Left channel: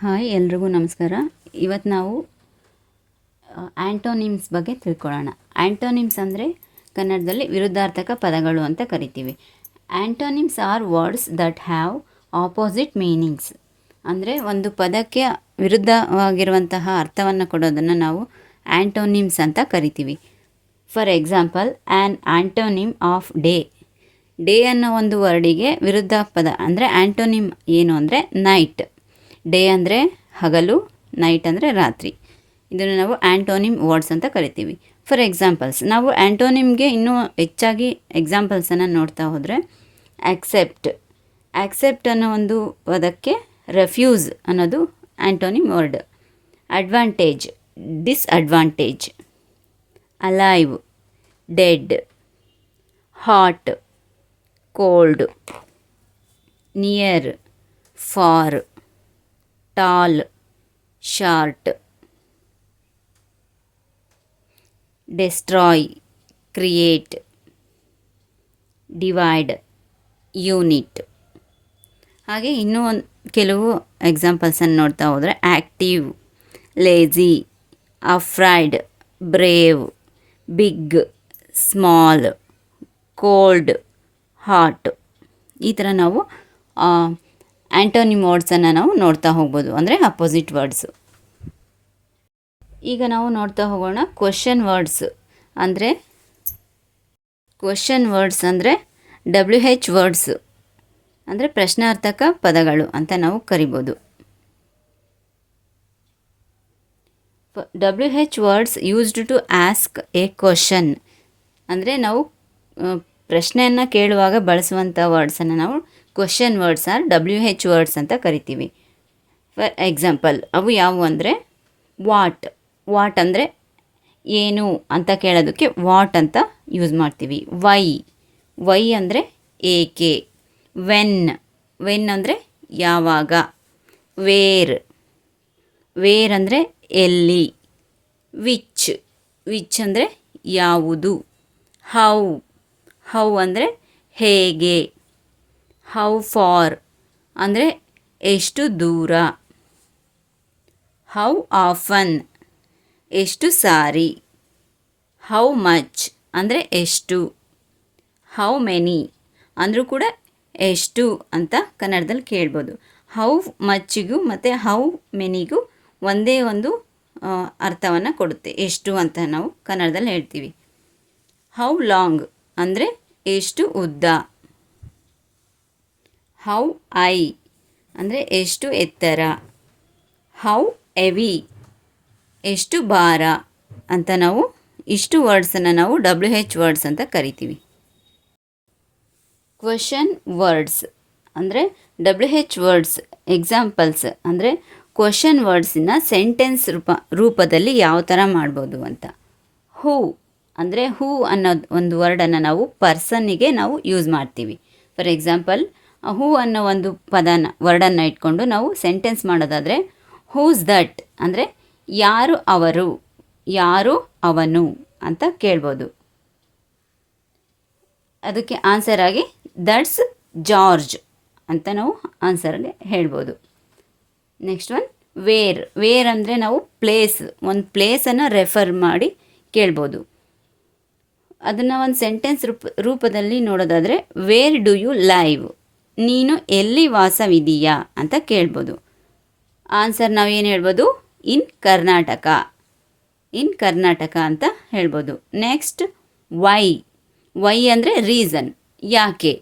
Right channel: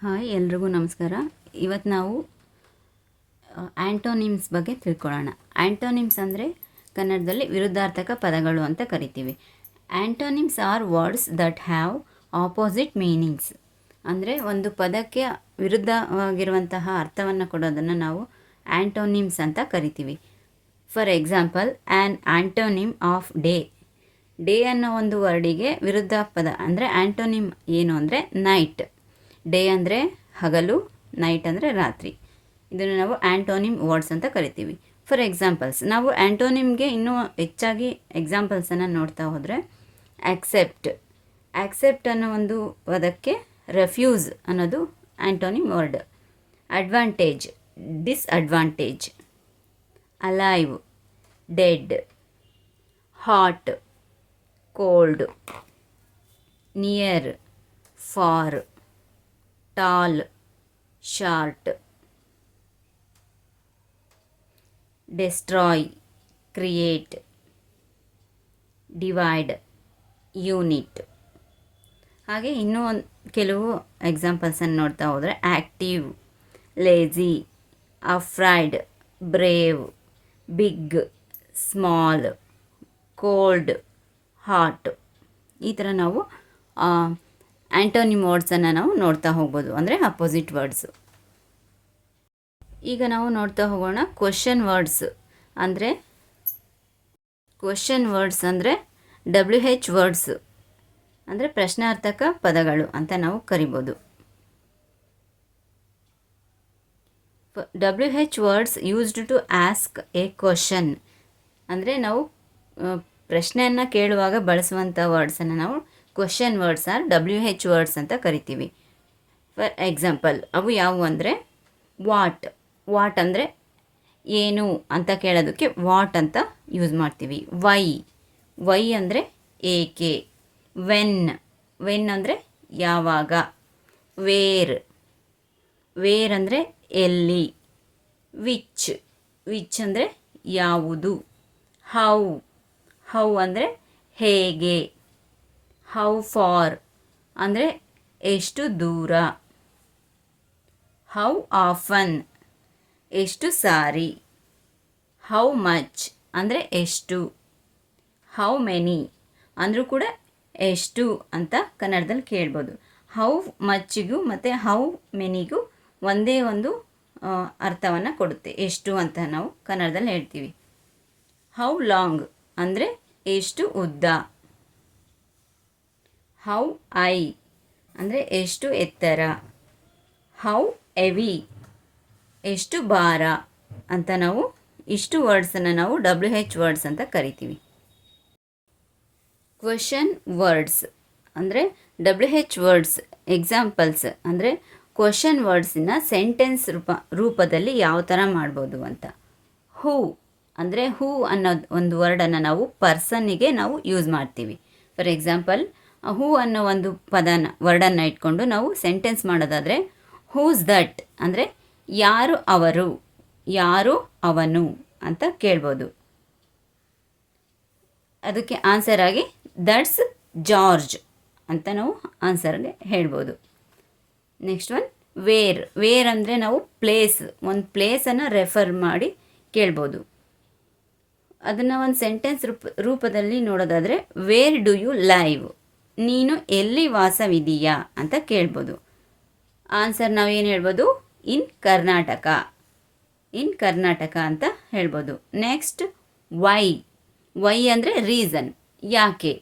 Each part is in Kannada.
ಹಾಯ್ ಎಲ್ರಿಗೂ ನಮಸ್ಕಾರ. ಇವತ್ತು ನಾವು ಆ್ಯಂಟೋನಿಮ್ಸ್ ಬಗ್ಗೆ ತಿಳ್ಕೊಳ್ಳೋಣ. ಆ್ಯಂಟೋನಿಮ್ಸ್ ಅಂದರೆ ಕನ್ನಡದಲ್ಲಿ ವಿರುದ್ಧಾರ್ಥಕ ಪದಗಳು ಅಂತ ಕರಿತೀವಿ. Antonyms are words that have opposite meanings. ಅಂದರೆ ಒಂದು ಪದಕ್ಕೆ ವಿರುದ್ಧವಾಗಿರುವಂತಹ ಅರ್ಥವನ್ನು ಕೊಡೋದನ್ನು ನಾವು ಆ್ಯಂಟೋನಿಮ್ಸ್ ಅಂತ ಕರಿತೀವಿ. For example, an antonym of day. Day ಅನ್ನೋ ಒಂದು ವರ್ಡಿಗೆ ವಿರುದ್ಧ ಪದ ಅಂದರೆ ಆ್ಯಂಟೋನಿಮ್ ಏನು ಅಂದರೆ ನೈಟ್. ಡೇ ಅಂದರೆ ಹಗಲು, ನೈಟ್ ಅಂದರೆ ರಾತ್ರಿ. ಇದನ್ನು ನಾವು ಆ್ಯಂಟೋನಿಮ್ ವರ್ಡ್ಸ್ ಅಂತ ಕರಿತೀವಿ. ಫಾರ್ ಎಕ್ಸಾಂಪಲ್ಸ್, ನಾವು ಆ್ಯಂಟೋನಿಮ್ಗೆ ಇನ್ನೂ ಹೆಚ್ಚಾಗಿ ಎಕ್ಸಾಂಪಲ್ಸನ್ನು ನೋಡ್ತಾ ಹೋದರೆ, ಆ್ಯಕ್ಸೆಪ್ಟ್ ಅನ್ನೋ ಒಂದು ಪದಕ್ಕೆ ರೆಫ್ಯೂಸ್ ಅನ್ನೋದು antonym word. Advantage, disadvantage. Alive, dead. Hot, cold. Near, far. Tall, short. Destroy, create. Divide, unite. ಹಾಗೆ ಇನ್ನೂ ಕೆಲವು ಎಕ್ಸಾಂಪಲ್ಸನ್ನು ನೋಡ್ತಾ ಹೋದರೆ, active, lazy, afraid, brave, big, small, cold, hot. ಈ ಥರ ನಾವು ಆ್ಯಂಟೋನಿಮ್ ವರ್ಡ್ಸನ್ನು ನಾವು ನೋಡ್ತಾ ಹೋಗ್ಬೋದು, ಅಂದರೆ ಅಪೋಸಿಟ್ ವರ್ಡ್ಸು. ಈಗ ನಾವು ನೋಡ್ತಾ ಹೋಗೋಣ ಕ್ವೆಶ್ಚನ್ ವರ್ಡ್ಸ್. ಅಂದರೆ WH ವರ್ಡ್ಸ್ ಅಂದರೆ ಪ್ರಶ್ನಾರ್ಥಕ ಪದಗಳು ಅಂತ ನಾವು ಕರಿಬೋದು. WH words used to ask a question. ಅಂದರೆ ನಾವು ಪ್ರಶ್ನೆಯನ್ನು ಕೇಳುವಾಗ ಬಳಸುವಂಥ ವರ್ಡ್ಸನ್ನು ನಾವು question words are WH words ಅಂತ ಕರಿತೀವಿ. ಫಾರ್ ಎಕ್ಸಾಂಪಲ್, ಅವು ಯಾವುವು ಅಂದರೆ ವಾಟ್ ಅಂದರೆ ಏನು ಅಂತ ಕೇಳೋದಕ್ಕೆ ವಾಟ್ ಅಂತ ಯೂಸ್ ಮಾಡ್ತೀವಿ. ವೈ ಅಂದರೆ ಏಕೆ. ವೆನ್ ಅಂದರೆ ಯಾವಾಗ. ವೇರ್ ಅಂದರೆ ಎಲ್ಲಿ. ವಿಚ್ ಅಂದರೆ ಯಾವುದು. ಹೌ ಅಂದರೆ ಹೇಗೆ. ಹೌ ಫಾರ್ ಅಂದರೆ ಎಷ್ಟು ದೂರ. ಹೌ ಆಫನ್ ಎಷ್ಟು ಸಾರಿ. ಹೌ ಮಚ್ ಅಂದರೆ ಎಷ್ಟು. ಹೌ ಮೆನಿ ಅಂದರೂ ಕೂಡ ಎಷ್ಟು ಅಂತ ಕನ್ನಡದಲ್ಲಿ ಕೇಳ್ಬೋದು. ಹೌ ಮಚ್ಚಿಗೂ ಮತ್ತು ಹೌ ಮೆನಿಗೂ ಒಂದೇ ಒಂದು ಅರ್ಥವನ್ನು ಕೊಡುತ್ತೆ, ಎಷ್ಟು ಅಂತ ನಾವು ಕನ್ನಡದಲ್ಲಿ ಹೇಳ್ತೀವಿ. ಹೌ ಲಾಂಗ್ ಅಂದರೆ ಎಷ್ಟು ಉದ್ದ. ಹೌ ಐ ಅಂದರೆ ಎಷ್ಟು ಎತ್ತರ. ಹೌ ಎವಿ ಎಷ್ಟು ಭಾರ ಅಂತ ನಾವು ಇಷ್ಟು ವರ್ಡ್ಸನ್ನು ನಾವು WH ವರ್ಡ್ಸ್ ಅಂತ ಕರಿತೀವಿ. ಕ್ವೆಶ್ಚನ್ ವರ್ಡ್ಸ್ ಅಂದರೆ WH ವರ್ಡ್ಸ್ ಎಕ್ಸಾಂಪಲ್ಸ್ ಅಂದರೆ ಕ್ವೆಶ್ಚನ್ ವರ್ಡ್ಸನ್ನ ಸೆಂಟೆನ್ಸ್ ರೂಪದಲ್ಲಿ ಯಾವ ಥರ ಮಾಡ್ಬೋದು ಅಂತ. ಹೂ ಅಂದರೆ ಹೂ ಅನ್ನೋದು ಒಂದು ವರ್ಡನ್ನು ನಾವು ಪರ್ಸನ್ನಿಗೆ ನಾವು ಯೂಸ್ ಮಾಡ್ತೀವಿ. ಫಾರ್ ಎಕ್ಸಾಂಪಲ್, ಹೂ ಅನ್ನೋ ಒಂದು ವರ್ಡನ್ನು ಇಟ್ಕೊಂಡು ನಾವು ಸೆಂಟೆನ್ಸ್ ಮಾಡೋದಾದರೆ, ಹೂಸ್ ದಟ್ ಅಂದರೆ ಯಾರು ಅವರು, ಯಾರು ಅವನು ಅಂತ ಕೇಳ್ಬೋದು. ಅದಕ್ಕೆ ಆನ್ಸರ್ ಆಗಿ ದಟ್ಸ್ ಜಾರ್ಜ್ ಅಂತ ನಾವು ಆನ್ಸರಲ್ಲಿ ಹೇಳ್ಬೋದು. ನೆಕ್ಸ್ಟ್ ಒನ್ ವೇರ್ ಅಂದರೆ ನಾವು ಒಂದು ಪ್ಲೇಸನ್ನು ರೆಫರ್ ಮಾಡಿ ಕೇಳ್ಬೋದು. ಅದನ್ನು ಒಂದು ಸೆಂಟೆನ್ಸ್ ರೂಪದಲ್ಲಿ ನೋಡೋದಾದರೆ, ವೇರ್ ಡು ಯು ಲೈವ್ ನೀನು ಎಲ್ಲಿ ವಾಸವಿದೀಯಾ ಅಂತ ಕೇಳ್ಬೋದು. ಆನ್ಸರ್ ನಾವೇನು ಹೇಳ್ಬೋದು, ಇನ್ ಕರ್ನಾಟಕ ಅಂತ ಹೇಳ್ಬೋದು. ನೆಕ್ಸ್ಟ್ ವೈ ಅಂದರೆ ರೀಸನ್, ಯಾಕೆ.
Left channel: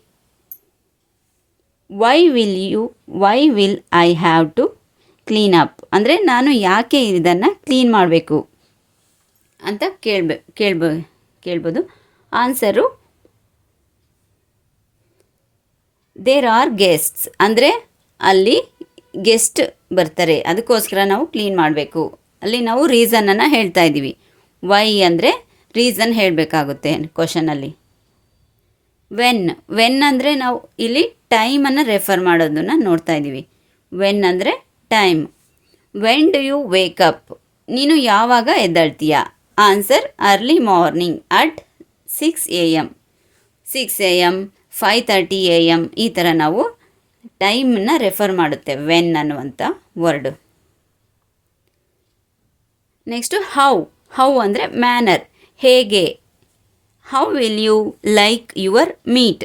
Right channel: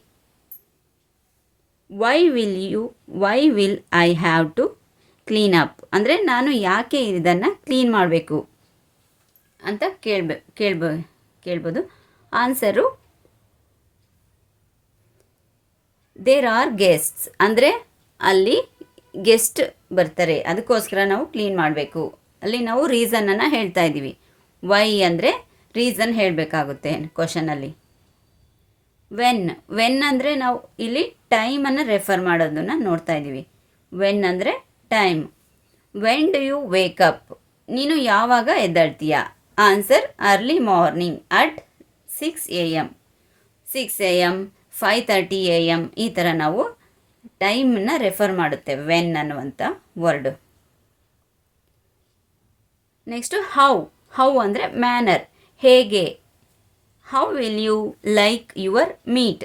Why will I have to clean up ಅಂದರೆ ನಾನು ಯಾಕೆ ಇದನ್ನು ಕ್ಲೀನ್ ಮಾಡಬೇಕು ಅಂತ ಕೇಳ್ಬೋದು. ಆನ್ಸರು ದೇರ್ ಆರ್ ಗೆಸ್ಟ್ಸ್ ಅಂದರೆ ಅಲ್ಲಿ ಗೆಸ್ಟ್ ಬರ್ತಾರೆ, ಅದಕ್ಕೋಸ್ಕರ ನಾವು ಕ್ಲೀನ್ ಮಾಡಬೇಕು. ಅಲ್ಲಿ ನಾವು ರೀಸನನ್ನು ಹೇಳ್ತಾ ಇದ್ದೀವಿ. ವೈ ಅಂದರೆ ರೀಸನ್ ಹೇಳಬೇಕಾಗುತ್ತೆ ಕ್ವಶನಲ್ಲಿ. ವೆನ್ ಅಂದರೆ ನಾವು ಇಲ್ಲಿ ಟೈಮನ್ನು ರೆಫರ್ ಮಾಡೋದನ್ನು ನೋಡ್ತಾ ಇದ್ದೀವಿ. ವೆನ್ ಅಂದರೆ time. When do you wake up ನೀನು ಯಾವಾಗ ಎದ್ದೇಳ್ತೀಯಾ. Answer early morning at 6 AM 5:30 AM ಈ ಥರ ನಾವು ಟೈಮನ್ನು ರೆಫರ್ ಮಾಡುತ್ತೆ ವೆನ್ ಅನ್ನುವಂಥ ವರ್ಡು. ನೆಕ್ಸ್ಟು ಹೌ ಅಂದರೆ ಮ್ಯಾನರ್, ಹೇಗೆ. How will you like your meat,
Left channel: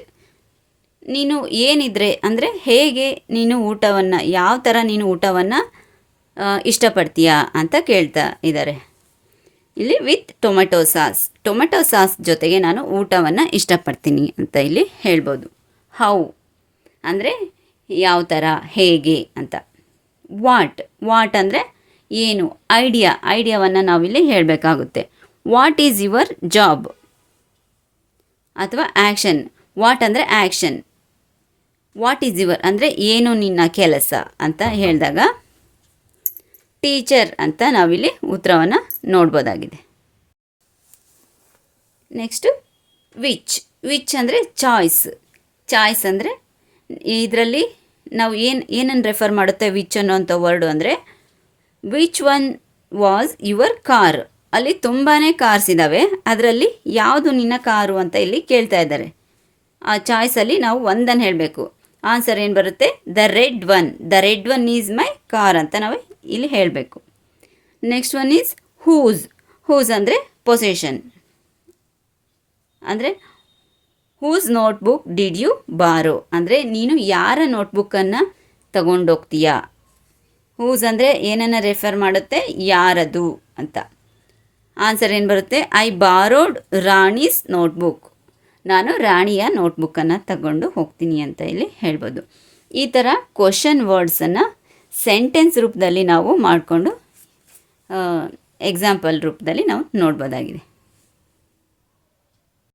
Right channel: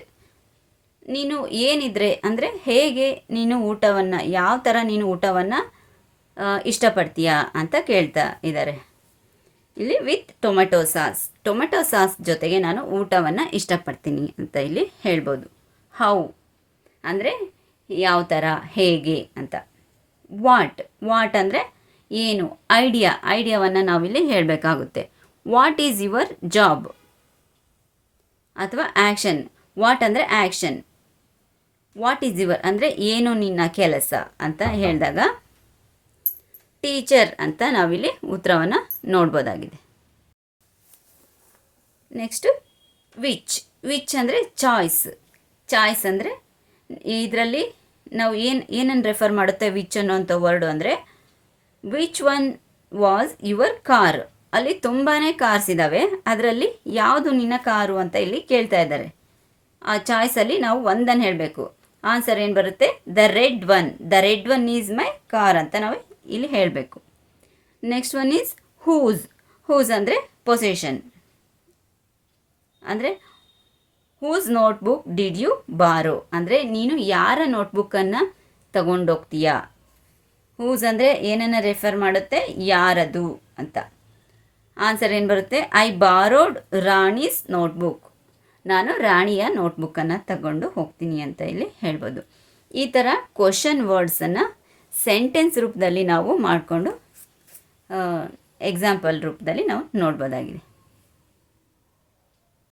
ನೀನು ಏನಿದ್ರೆ ಅಂದರೆ ಹೇಗೆ ನೀನು ಊಟವನ್ನು, ಯಾವ ಥರ ನೀನು ಊಟವನ್ನು ಇಷ್ಟಪಡ್ತೀಯಾ ಅಂತ ಕೇಳ್ತಾ ಇದ್ದಾರೆ. ಇಲ್ಲಿ ವಿತ್ ಟೊಮೆಟೊ ಸಾಸ್ ಜೊತೆಗೆ ನಾನು ಊಟವನ್ನು ಇಷ್ಟಪಡ್ತೀನಿ ಅಂತ ಇಲ್ಲಿ ಹೇಳ್ಬೋದು. ಹೌ ಅಂದರೆ ಯಾವ ಥರ, ಹೇಗೆ ಅಂತ. ವಾಟ್ ಅಂದರೆ ಏನು, ಐಡಿಯಾವನ್ನು ನಾವಿಲ್ಲಿ ಹೇಳಬೇಕಾಗುತ್ತೆ. ವಾಟ್ ಈಸ್ ಯುವರ್ ಜಾಬ್ ಅಥವಾ ಆ್ಯಕ್ಷನ್. ವಾಟ್ ಅಂದರೆ ಆ್ಯಕ್ಷನ್, ವಾಟ್ ಈಸ್ ಯುವರ್ ಅಂದರೆ ಏನು ನಿನ್ನ ಕೆಲಸ ಅಂತ ಹೇಳಿದಾಗ ಟೀಚರ್ ಅಂತ ನಾವಿಲ್ಲಿ ಉತ್ತರವನ್ನು ನೋಡ್ಬೋದಾಗಿದೆ. ನೆಕ್ಸ್ಟು ವಿಚ್ ಅಂದರೆ ಚಾಯ್ಸ್ ಅಂದರೆ ಇದರಲ್ಲಿ ನಾವು ಏನನ್ನು ರೆಫರ್ ಮಾಡುತ್ತೆ ವಿಚ್ ಅನ್ನೋಂಥ ವರ್ಡು ಅಂದರೆ which one was your car. ಅಲ್ಲಿ ತುಂಬಾ ಕಾರ್ಸ್ ಇದ್ದಾವೆ, ಅದರಲ್ಲಿ ಯಾವುದು ನಿನ್ನ ಕಾರು ಅಂತ ಇಲ್ಲಿ ಕೇಳ್ತಾ ಇದ್ದಾರೆ. ಆ ಚಾಯ್ಸಲ್ಲಿ ನಾವು ಒಂದನ್ನು ಹೇಳಬೇಕು. ಆನ್ಸರ್ ಏನು ಬರುತ್ತೆ, the red one is my car ಅಂತ ನಾವು ಇಲ್ಲಿ ಹೇಳಬೇಕು. ನೆಕ್ಸ್ಟ್ ಒನ್ ಈಸ್ ಹೂಸ್ ಅಂದರೆ ಪೊಸೆಷನ್, ಅಂದರೆ ಹೂಸ್ ನೋಟ್ಬುಕ್ ಡಿಡ್ ಯು ಬಾರೋ ಅಂದರೆ ನೀನು ಯಾರ ನೋಟ್ಬುಕ್ಕನ್ನು ತಗೊಂಡೋಗ್ತೀಯಾ. ಹೂಸ್ ಅಂದರೆ ಏನನ್ನು ರೆಫರ್ ಮಾಡುತ್ತೆ, ಯಾರದು ಅಂತ. ಆನ್ಸರ್ ಏನು ಬರುತ್ತೆ, ಐ ಬಾರೋಡ್ ರಾಣೀಸ್ ನೋಟ್ಬುಕ್, ನಾನು ರಾಣಿಯ ನೋಟ್ಬುಕ್ಕನ್ನು ತಗೊಂಡು ಹೋಗ್ತೀನಿ ಅಂತ ಇಲ್ಲಿ ಹೇಳ್ಬೋದು. ಈ ಥರ ಕ್ವಶನ್ ವರ್ಡ್ಸನ್ನು ಸೆಂಟೆನ್ಸ್ ರೂಪದಲ್ಲಿ ನಾವು ಮಾಡಿಕೊಂಡು ಎಕ್ಸಾಂಪಲ್ ರೂಪದಲ್ಲಿ ನಾವು ನೋಡ್ಬೋದಾಗಿದೆ.